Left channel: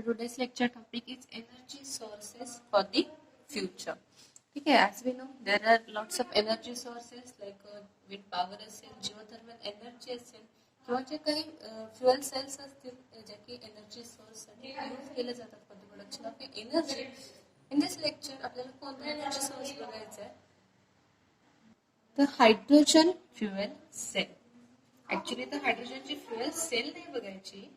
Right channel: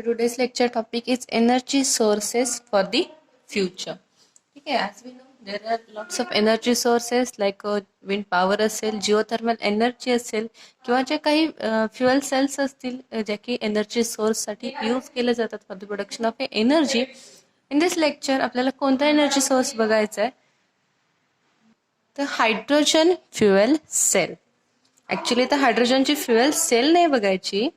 So today's lecture topic is energy sources for the future. Okay, as we know, there are lots of energy sources like wind power असेल, geothermal energy असेल किंवा जे काही fuel cells असतील जे की energy source साठी use केले जातात for the production of energy. In this lecture आपल्याला कोणता energy source बघायचा आहे? तर हायड्रोजन फ्युएल सेल. ऍक्च्युली तर हायड्रोजनची फ्युएल सेल नाही बघायची.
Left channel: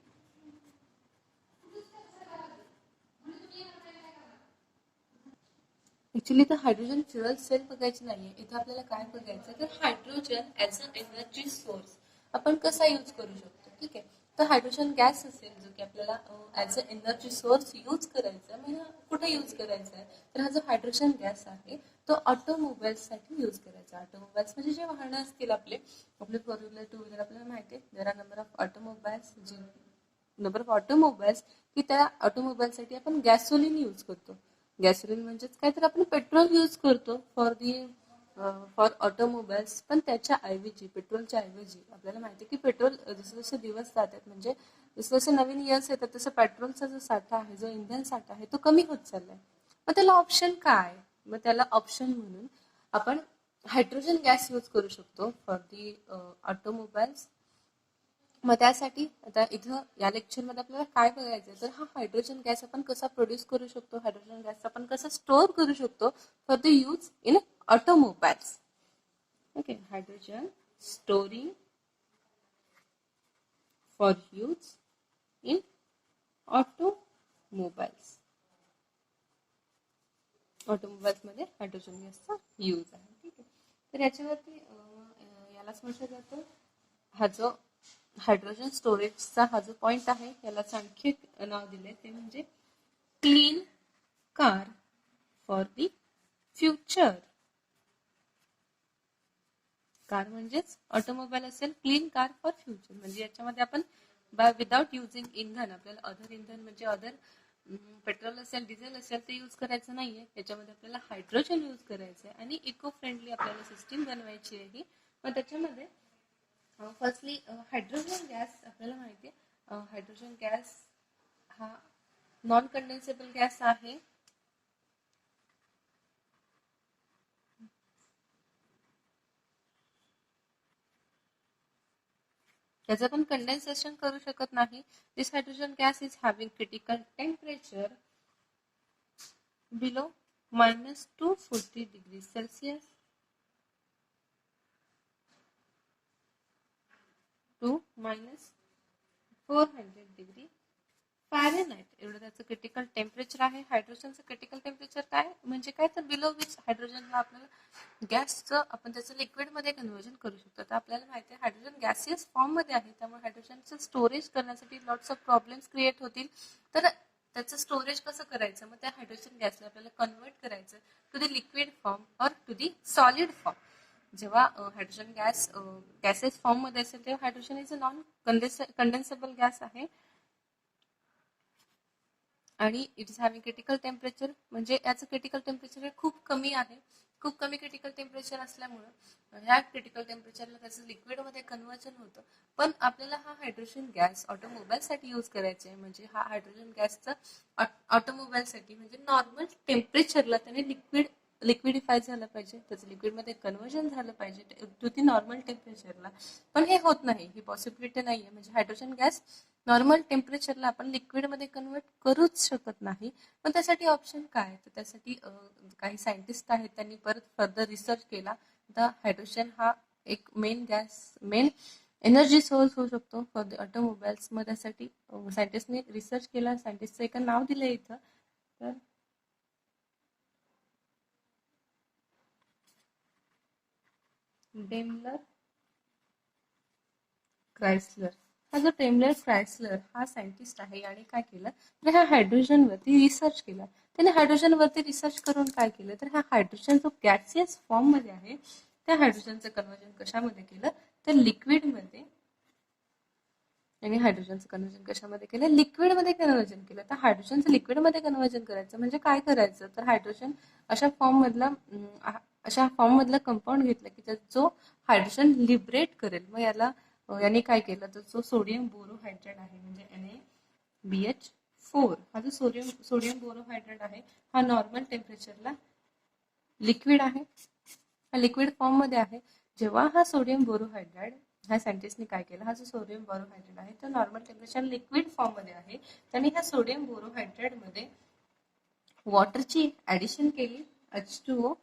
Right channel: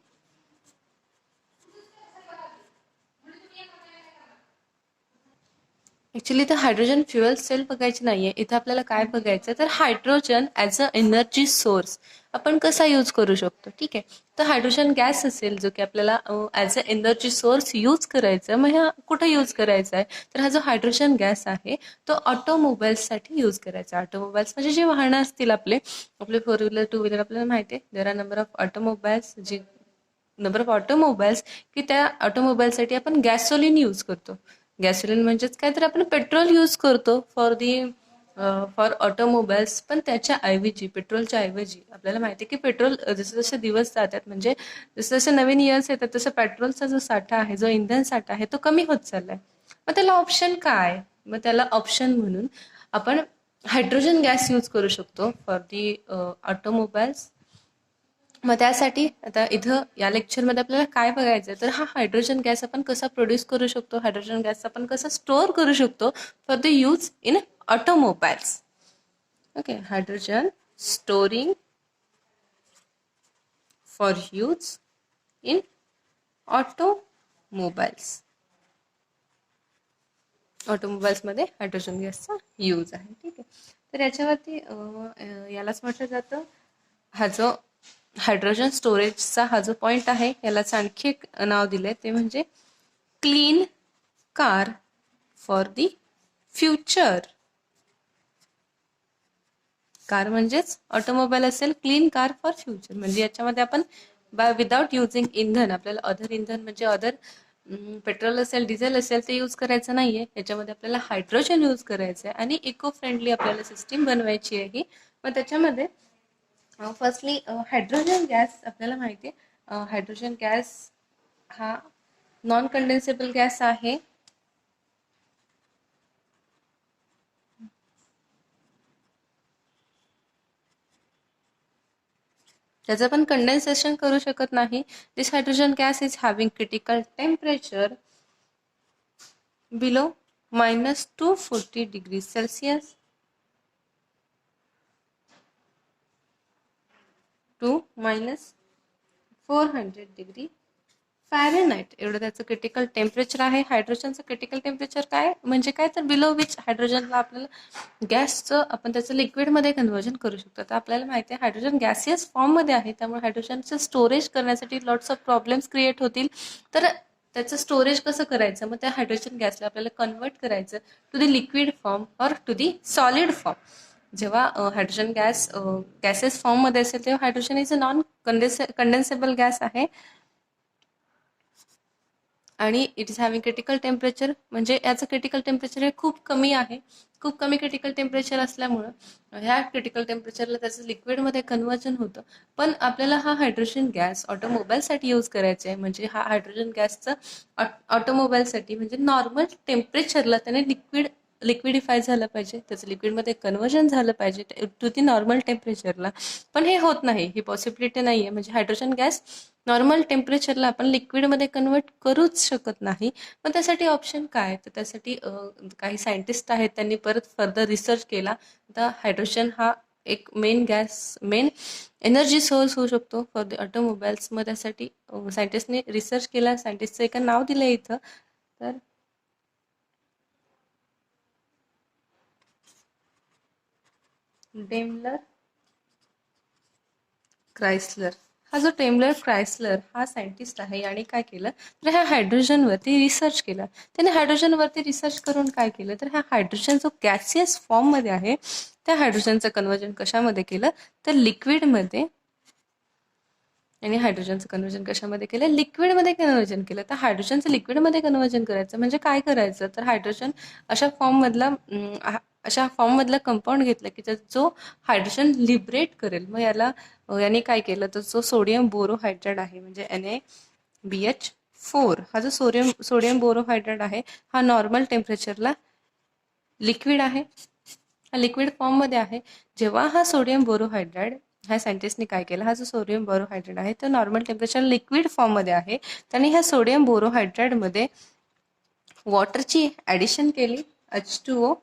ऍक्च्युली तर हायड्रोजन फ्युएल सेल बघायची नाहीये. इथे आपल्याला काय बघायचं तर hydrogen as a energy source आपण कसा यूज करू शकतो. ठीक आहे, तर हायड्रोजन गॅस असेल जो की आपल्याला as a energy source use करायचा. मग ह्या कुठे यूज करायचा आहे तर हा जो हायड्रोजन गॅस आहे तो ऑटोमोबाईल्ससाठी यूज करायचा. ऑटोमोबाईल्स म्हणजे जे वाहनं असतील आपले 4 व्हीलर 2 व्हीलर आपल्याला माहिती आहे there are number of automobiles जी नंबर ऑफ ऑटोमोबाईल्स की त्या ऑटोमोबाईलसाठी आपण गॅसोलिन यूज करतो. गॅसोलिन म्हणजेच काय तर आपण पेट्रोल यूज करतो फॉर ऑटोमोबाईल्स. पण त्याच्या ऐवजी पेट्रोलच्या ऐवजी आपल्याला माहिती आहे की पेट्रोल जसे जसे दिवस जातात म्हणजे जसे जसे नवीन इयर्स येतात तसं पेट्रोलचा जो साठा आहे जो इंधन साठा आहे तो कमी होत चाललाय. मग त्याला ऑप्शन काय? मग त्याला ऑप्शन म्हणून आपण हायड्रोजन गॅस यूज करू शकतो फॉर दी ऑटोमोबाईल्स. मग त्यासाठी आता इथं या लेक्चरमध्ये आपल्याला काय बघायचं तर हा हायड्रोजन गॅस आपण कसा प्रोड्यूस करू शकतो, हायड्रोजन गॅस आपण कसा स्टोअर करू शकतो for the use in automobiles. Okay, hydrogen storing for use in automobiles. ऑटोमोबाईल्समध्ये हायड्रोजन गॅसचा यूज आहे. ठीक आहे, तर याच्यावरती यालाच म्हटलं जातं हा जो हायड्रोजन स्टोरेजचा हा जो पॉइंट आहे यालाच आणखी एक नाव दिलंय ते म्हणजे clean car for the future. Car म्हणजेच ऑटोमोबाईल असेल, क्लीन कार फॉर फ्युचर म्हणजे याच्यामध्ये आपण विदाउट युजिंग इंधन आपल्याला अदर इंधन म्हणजे अदर पेट्रोल असेल डिझेल असेल ते यूज करायचं नाहीये. याच्यामध्ये आपल्याला हायड्रोजन यूज करायचं आहे आणि इको फ्रेंडली आपल्याला सिस्टीम बनवायची आहे. मग त्याच्यामध्ये फर्स्टली हायड्रोजन गॅस आपल्याला माहिती आहे हायड्रोजन गॅस हा नॉन कंडेन्सेबल गॅस आहे. त्याचं पण कंडेन्सेशन करू शकत नाही. This hydrogen gas is having critical temperature below -240 degree Celsius to -400 degree Fahrenheit एवढं त्याचं क्रिटिकल टेम्परेचर आहे. हायड्रोजनचं क्रिटिकल टेम्परेचर काय म्हणजे काय तर बिलो विच हायड्रोजनला आपल्याला गॅसचं आपण त्याचं लिक्विडमध्ये कन्व्हर्जन करू शकतो. तर आपल्याला माहिती आहे हायड्रोजन गॅसियस फॉर्ममध्ये आहे त्यामुळे हायड्रोजनचं स्टोरेज करण्यासाठी लॉट्स ऑफ प्रॉब्लेम्स क्रिएट होतील. तर त्याचं स्टोरेज कसं करायचं मग त्या हायड्रोजन गॅसला आपल्याला कन्वर्ट करायचं to the liquid form or to the solid form. जेव्हा हायड्रोजन गॅसेस फॉर्ममध्ये असेल तेव्हा hydrogen is a non condensable gas आहे आणि it is having critical temperature म्हणजे याचं क्रिटिकल टेम्परेचर हे खूप कमी आहे. खूप कमी क्रिटिकल टेम्परेचर असल्यामुळं ह्या क्रिटिकल टेम्परेचरला त्याचं लिक्विडमध्ये कन्व्हर्जन होतं. पण आपल्याला हा हायड्रोजन गॅस ऑटोमोबाईलसाठी यूज करायचा आहे म्हणजे हा हायड्रोजन गॅसचं ऑटोमोबाईलसाठी म्हणजे नॉर्मल टेम्परेचरला त्याने लिक्विडिफाय झालं पाहिजे, त्याचं लिक्विडमध्ये कन्व्हर्जन झालं पाहिजे टू दी नॉर्मल टेम्परेचरला. पण हे होत नाही, ही पॉसिबिलिटी नाही आहे. म्हणजे हायड्रोजन गॅस नॉर्मल टेम्परेचरला आपण लिक्विडमध्ये कन्वर्ट करूच शकत नाही. मग त्यासाठी ऑप्शन काय तर त्यासाठी काही सायंटिस्ट आहेत त्यांनी परत फर्दर रिसर्च केला. तर हायड्रोजन हा एक मेन एनर्जी सोर्स होऊ शकतो फॉर द ऑटोमोबाईल्स. मग त्यासाठी सायंटिस्टने रिसर्च केला. सायंटिस्टचं एका नाव दिलं इथं तर डेमलर क्रायस्लर. हा जो डेमलर क्रायस्लर हा सायंटिस्ट आहे याने काय केलं तर ह्या हायड्रोजनवरती रिसर्च केला. त्याने हायड्रोजनवरती रिसर्च करून काय केलं तर ह्या हायड्रोजन जो गॅसियस फॉर्ममध्ये आहे त्या हायड्रोजनचं कन्व्हर्जन कशामध्ये केलं तर लिक्विडमध्ये. आणि हायड्रोजनचं कन्व्हर्जन कशामध्ये केलं लिक्विडमध्ये कन्व्हर्जन केलं. तर हायड्रोजनचं लिक्विडमध्ये कन्व्हर्जन करायचं म्हणजे काय करायचं तर हायड्रोजन अशा फॉर्ममधला कंपाऊंड घेतला की जो हायड्रोजन लिबरेट करेल. मग याने काय केलं तर जो सोडियम बोरोहायड्राइड आहे म्हणजे NaBH4 4 हा जो सोडियम बोरोहायड्रेट आहे हा नॉर्मल टेम्परेचरला लिक्विड आहे, हा लिक्विड फॉर्ममध्ये आहे. जेव्हा हा सोडियम बोरोहायड्रेट ह्या सायंटिस्टने काय केलं, हा जो सोडियम बोरोहायड्रेट आहे तो नॉर्मल टेम्परेचर लिक्विड फॉर्ममध्ये आहे. त्यांनी ह्या सोडियम बोरोहायड्रेटमध्ये वॉटरची ॲडिशन केली H2O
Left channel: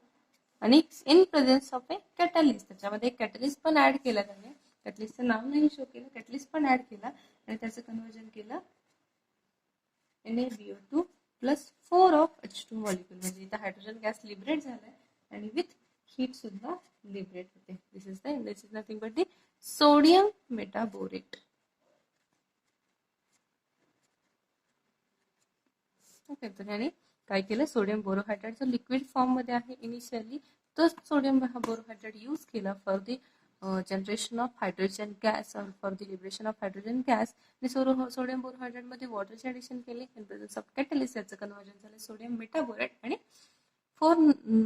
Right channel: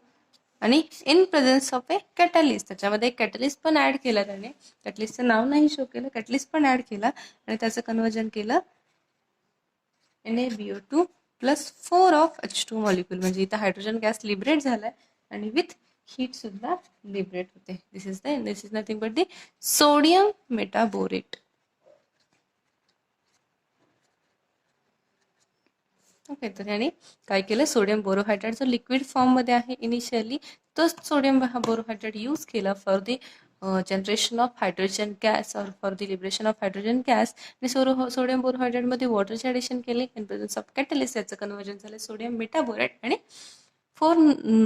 आणि in presence of A catalyst, त्याच्यामध्ये एक कॅटलिस्ट पण ॲड केला त्याने. कॅटलिस्टचं नाव नाही शो केलं, कॅटलिस्ट पण ॲड केला आणि त्याचं कन्वर्जन केलं NaBO2 plus 4 of H2 molecule. म्हणजे इथं हायड्रोजन गॅस लिबरेट झालाय आणि विथ हीट सुद्धा लिबरेट होते. This is nothing but the sodium metaborate. Okay, तर त्याने काय केलं, सोडियम बोरोहायड्रेट जो लिक्विड फॉर्ममध्ये आहे इनिशियली, तो सोडियम बोरोहायड्रेट यूज केला for the generation of hydrogen gas और for the liberation of hydrogen gas. आणि सोडियम बोरोहायड्रेटमध्ये वॉटरचे ॲडिशन केले इन प्रेझन्स ऑफ कॅटलिस्ट, याचं कन्वर्जन झालं सोडियम मेटाबोरेट आणि 4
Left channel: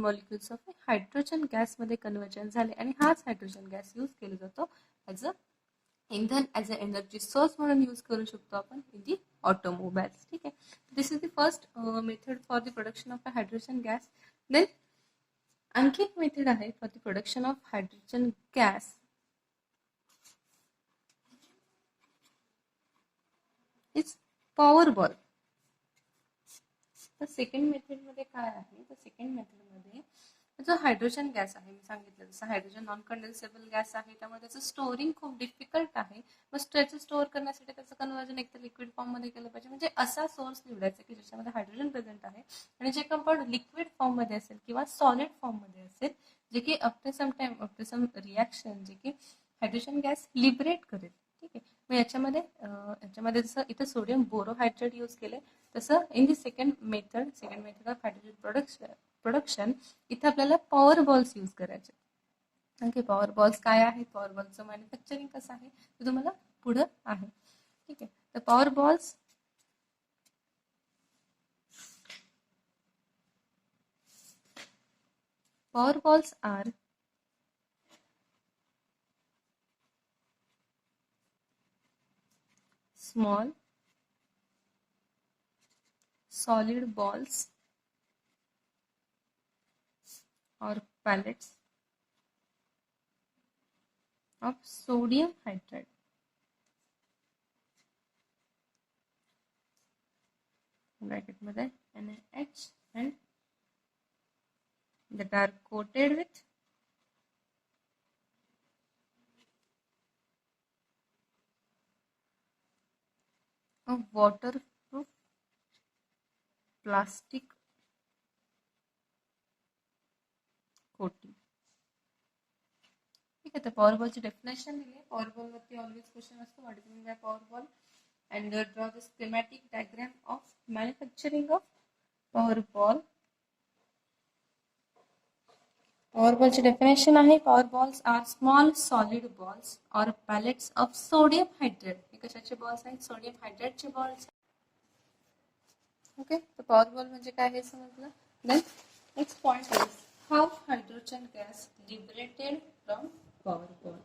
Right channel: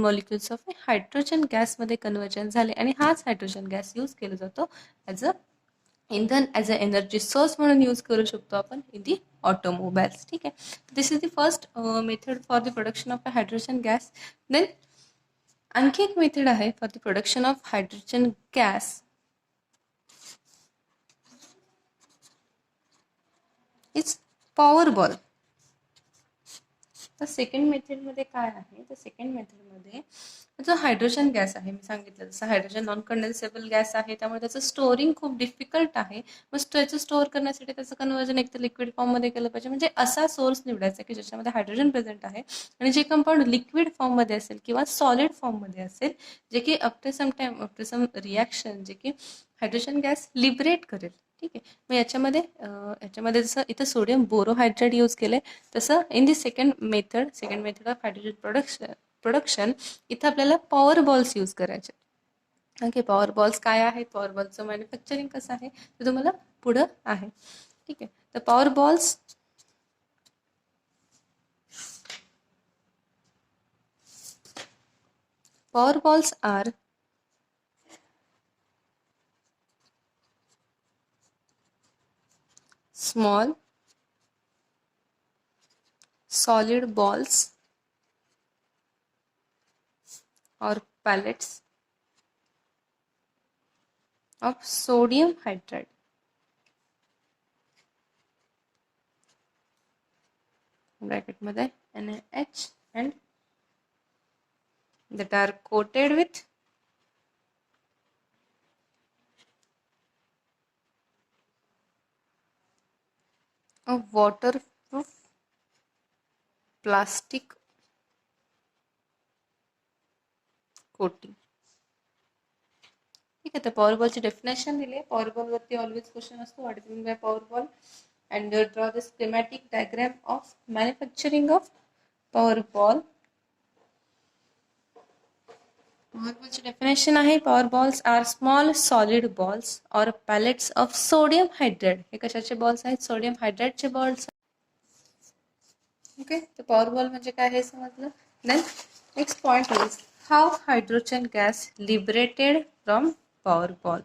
मॉलिक्युल्स ऑफ हायड्रोजन गॅसमध्ये कन्वर्जन झाले. आणि हाच हायड्रोजन गॅस यूज केला जातो ॲज अ इंधन, ॲज अ एनर्जी सोर्स म्हणून यूज करू शकतो आपण इन दी ऑटोमोबाईल्स. ठीक आहे, this is the first method for the production of a hydrogen gas. Then आणखी एक मेथड आहे for the production of hydrogen gas. It's power ball. तर सेकंड मेथडमध्ये काय आहे, तर सेकंड मेथडमध्ये जो हायड्रोजन गॅस आहे, मी सांगितलं जसं हायड्रोजन नॉन कंडेन्सेबल गॅस आहे, त्यामुळे त्याचं स्टोरिंग खूप डिफिकल्ट आहे. मग त्याचं स्टोअर करण्यासाठी त्याचं कन्वर्जन एक तर लिक्विड फॉर्ममध्ये केलं पाहिजे. म्हणजे असा सोर्स निवडायचा की ज्याच्यामध्ये हायड्रोजन प्रेझेंट आहे आणि जे कंपाऊंड लिक्विड फॉर्ममध्ये असेल किंवा सॉलिड फॉर्ममध्ये असेल, जे की आफ्टर सम रिॲक्शन जे की हायड्रोजन गॅस लिबरेट करेल. ठीक आहे, मग याच्यामध्ये जसं इथं सोडियम बोरोहायड्रेट यूज केले, तसं in the second method of hydrogen production इथं आपल्याला पॉवर बॉल्स यूज करायचे. ओके, पॉवर बॉल्स काय आहेत, पॉवर बॉल्सचं मॅन्युफॅक्चरिंग कसं आहे ते तुम्हाला पुढं आहे. ठीक आहे, तर power balls are small solid balls or pellets of sodium hydride. Bracket मध्ये NaH and that are coated with a waterproof plastic coating. ठीक आहे, तर पॉवर बॉलची डेफिनेशन दिली आहे. पॉवर बॉल वरती ऑलवेज क्वेश्चन असतो, what is mean by power ball, and draw the schematic diagram of manufacturing of power ball. Power बॉलची definition आहे, power balls are small solid balls और पॅलेट्स ऑफ सोडियम हायड्रेट. हे कशाचे balls आहेत, sodium हायड्रेटचे balls. Okay, तर power ball म्हणजे काय हे समजलं. Then next point is how hydrogen gas liberated from power ball.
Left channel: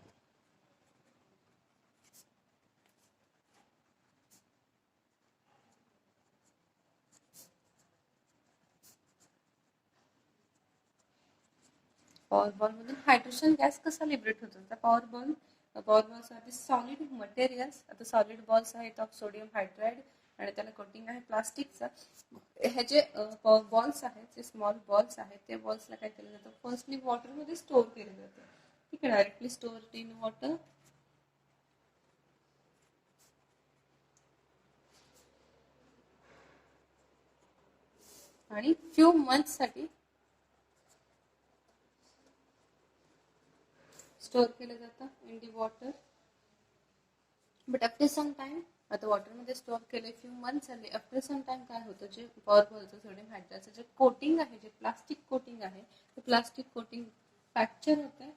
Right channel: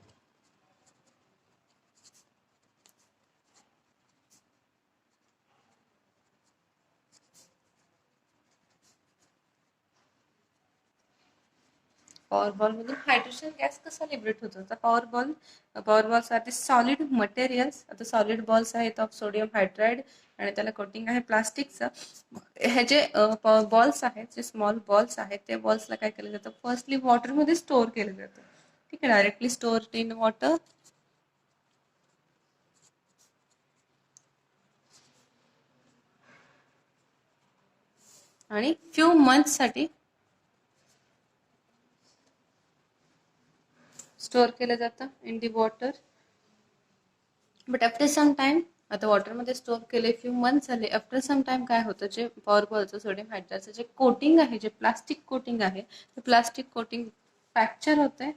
Power ball मधून हायड्रोजन गॅस कसा लिबरेट होतो, तर power balls are the solid materials. आता सॉलिड बॉल्स आहेत ऑफ सोडियम हायड्राइड आणि त्याला कोटिंग आहे प्लास्टिकचं. हे जे बॉल्स आहेत, जे स्मॉल बॉल्स आहेत, ते बॉल्सला काय केलं जातं, फर्स्टली वॉटरमध्ये स्टोअर केलं जातं. ठीक आहे, डायरेक्टली स्टोअर इन वॉटर. आणि फ्यू मंथ्ससाठी स्टोअर केलं जातं in the water. But after some time, आता वॉटरमध्ये स्टोअर केले, फ्यू मंथ्स झाले, आफ्टर सम टाइम काय होतं, जे पॉवर बॉलचं सोडियम हायड्रेटचं जे कोटिंग आहे, जे प्लास्टिक कोटिंग आहे, ते प्लास्टिक कोटिंग फ्रॅक्चर होते.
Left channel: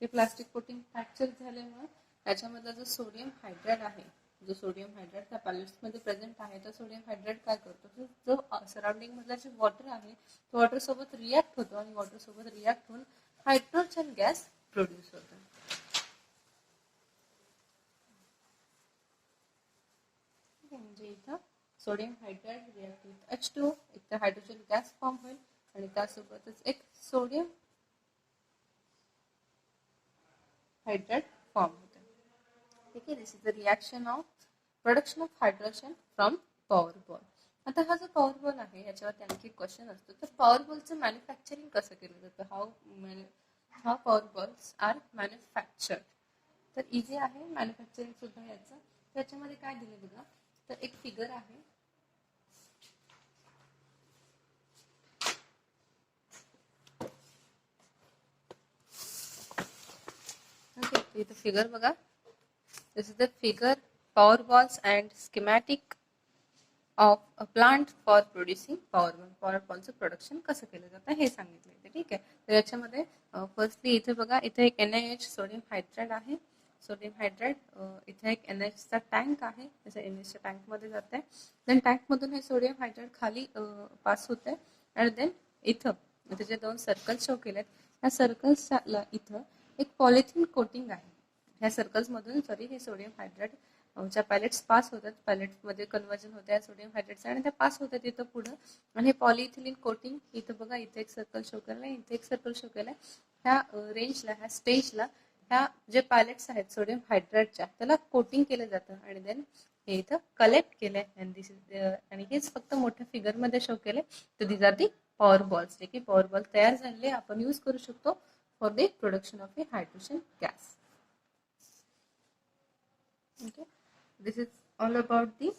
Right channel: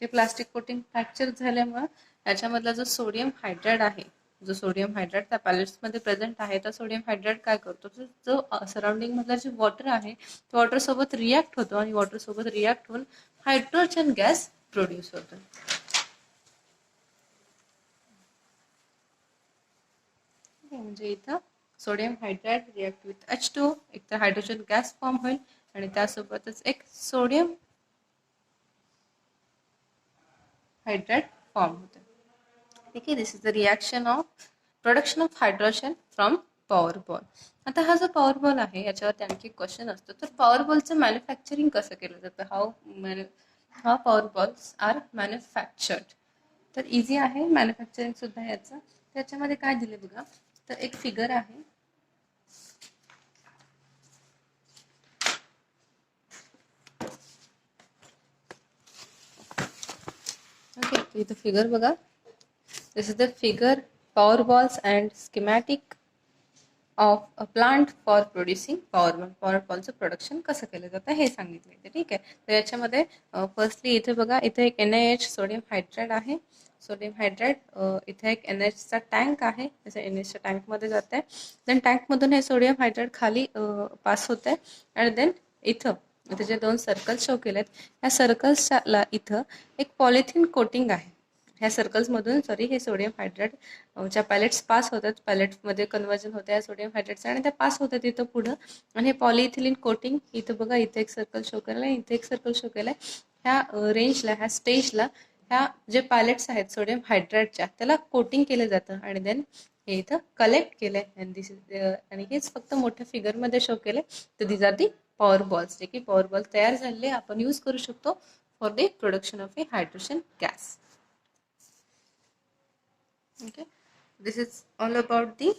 ते प्लास्टिक कोटिंग फ्रॅक्चर झाल्यामुळे याच्यामधला जो सोडियम हायड्रेट आहे, जो सोडियम हायड्रेट त्या पॅलेट्समध्ये प्रेझेंट आहे, तर सोडियम हायड्रेट काय करतो, जो सराउंडिंग मधला जे वॉटर आहे, तो वॉटर सोबत रिॲक्ट होतो आणि वॉटर सोबत रिॲक्ट होऊन हायड्रोजन गॅस प्रोड्यूस होतो. म्हणजे इथं sodium hydride react with H2O, एक तर हायड्रोजन गॅस फॉर्म होईल आणि त्यासोबतच एक सोडियम हायड्राइड फॉर्म होतं. ठीक आहे, this is the reaction of production of hydrogen from power ball. आता हा जो पॉवर बॉल आहे याच्यावरती आणखी क्वेश्चन असतो, तर पॉवर बॉलचं मॅन्युफॅक्चरिंग कसं केलं जातं, how power balls are manufactured. तर इझी आहे मॅन्युफॅक्चरिंग सुद्धा याचं. त्याच्यामध्ये काय दिले बघा, तर एक फिगर आहे. ओके, इथं फिगर बघा. This is the figure power balls and schematic of a plant for producing power ball. Power बॉलचं प्रोडक्शन कसं केलं जातं हे सांगितलं इथे. ठीक आहे, तर याच्यामध्ये फर्स्टली इथे बघा, इथे एक NaH सोडियम हायड्राइड आहे. सोडियम हायड्राइड इथे एक NaHचा टँक आहे, जसं NaHच्या टँकमध्ये जात आहे. देन टँकमधून हे सोडियम हायड्राइड खाली पास होत आहे आणि देन इथं जे 2 सर्कल्स शो केलेत, या सर्कल्सला इथं एक पॉलिथिन कोटिंग आहे. ह्या सर्कल्समधून हे सोडियम हायड्राइड ज्या पॅलेट्स पास होतात, पॅलेटमध्ये कन्वर्जन होतं या सोडियम हायड्राइडचं आणि त्या पास होतात इथं पुढं. आणि हे पॉलिइथिलीन कोटिंग इथं बघा, इथे एक सर्कल शो केलं आहे, इथे एक सर्कल शो केलं आहे. ह्या रेंजला, ह्या स्टेजला ह्या जे पॅलेट्स आहेत सोडियम हायड्राइडच्या, त्याला कोटिंग केलं जातं आणि देन हे इथं कलेक्ट केलंय. आणि हेच फक्त मोठ्या फिगरमध्ये शो केलंय. तर दिस आर दी पॉवर बॉल्स, जे की पॉवर बॉल तयार झालेले आपण यूज करू शकतो for the production of A hydrogen gas. Okay, this is all about the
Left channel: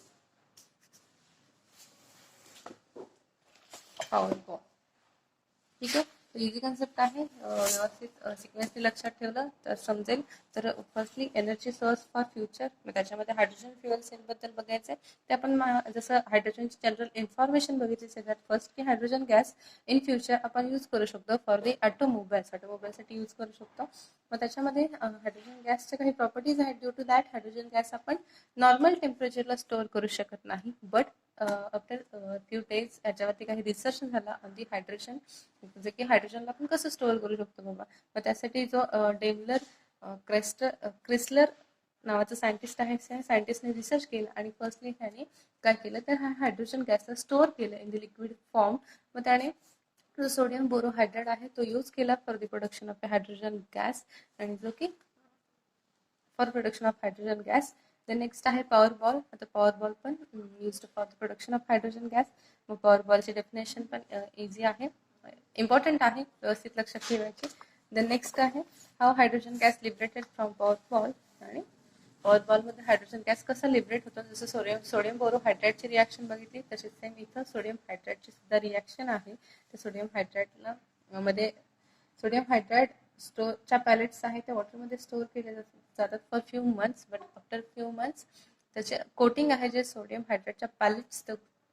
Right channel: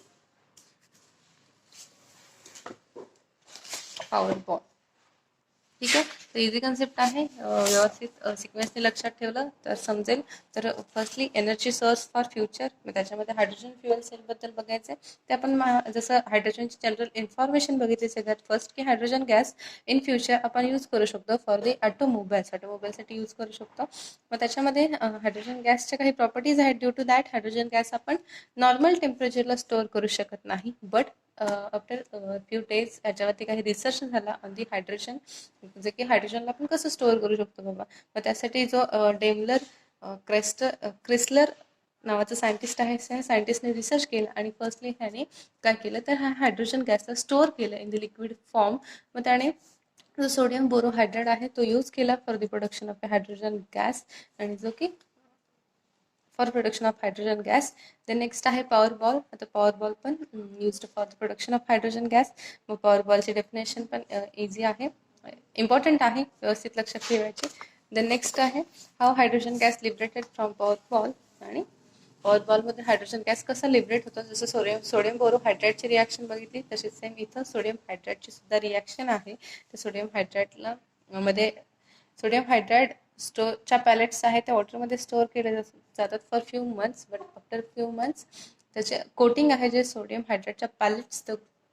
power ball. ठीक आहे, तर इझी कन्सेप्ट आहे. व्यवस्थित सिक्वेन्सने लक्षात ठेवलं तर समजेल. तर firstly energy source for future, त्याच्यामध्ये हायड्रोजन फ्युएल सेलबद्दल बघायचं आहे. ते आपण जसं हायड्रोजनची जनरल इन्फॉर्मेशन बघितली सगळ्यात फर्स्ट, की हायड्रोजन गॅस इन फ्युचर आपण यूज करू शकतो फॉर दी ऑटोमोबाईलसाठी यूज करू शकतो. मग त्याच्यामध्ये हायड्रोजन गॅसच्या काही प्रॉपर्टीज आहेत. Due to that hydrogen gas आपण नॉर्मल टेम्परेचरला स्टोअर करू शकत नाही, बट आफ्टर फ्यू डेज याच्यावरती काही रिसर्च झाला ऑन दी हायड्रोजन, जे की हायड्रोजनला आपण कसं स्टोअर करू शकतो बाबा. मग त्यासाठी जो डेमलर क्रिस्लर नावाचं सायंटिस्ट आहे, त्या सायंटिस्टने रिसर्च केलं आणि फर्स्टली त्याने काय केलं, तर हा हायड्रोजन गॅसला स्टोअर केलं इन द लिक्विड फॉर्म. मग त्याने जो सोडियम बोरोहायड्राइड आहे तो यूज केला for the production of hydrogen gas, आणि जो की for production of hydrogen gas. Then next आहे पॉवर बॉल. आता पॉवर बॉल पण used for the production of hydrogen gas. मग पॉवर बॉलची डेफिनेशन पण इझी आहे, इम्पॉर्टंट आहे, व्यवस्थित लक्षात ठेवायची. देन नेक्स्ट आहे how hydrogen gas liberated from power ball. आणि पॉवर बॉलमध्ये हायड्रोजन गॅस कसा लिबरेट होतो, जसं सोडियम बोरोहायड्राइडची रिॲक्शन बघितली तशीच सेम इथं सोडियम हायड्राइडची सुद्धा रिॲक्शन आहे. तर सोडियम हायड्राइडला मध्ये सोडियम हायड्राइड स्टोरच्या पॅलेट्स आहेत त्या वॉटरमध्ये स्टोअर केले जातात for few months, but after few months त्याचे कोटिंग आहे जे सोडियम हायड्राइडच्या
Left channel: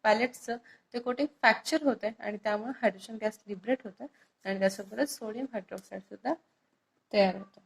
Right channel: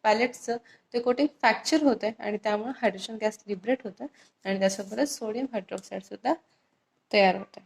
पॅलेट्सचं ते कोटिंग फ्रॅक्चर होतं आणि त्यामुळे हायड्रोजन गॅस लिबरेट होतं आणि त्यासोबतच सोडियम हायड्रॉक्साईड सुद्धा तयार होतं.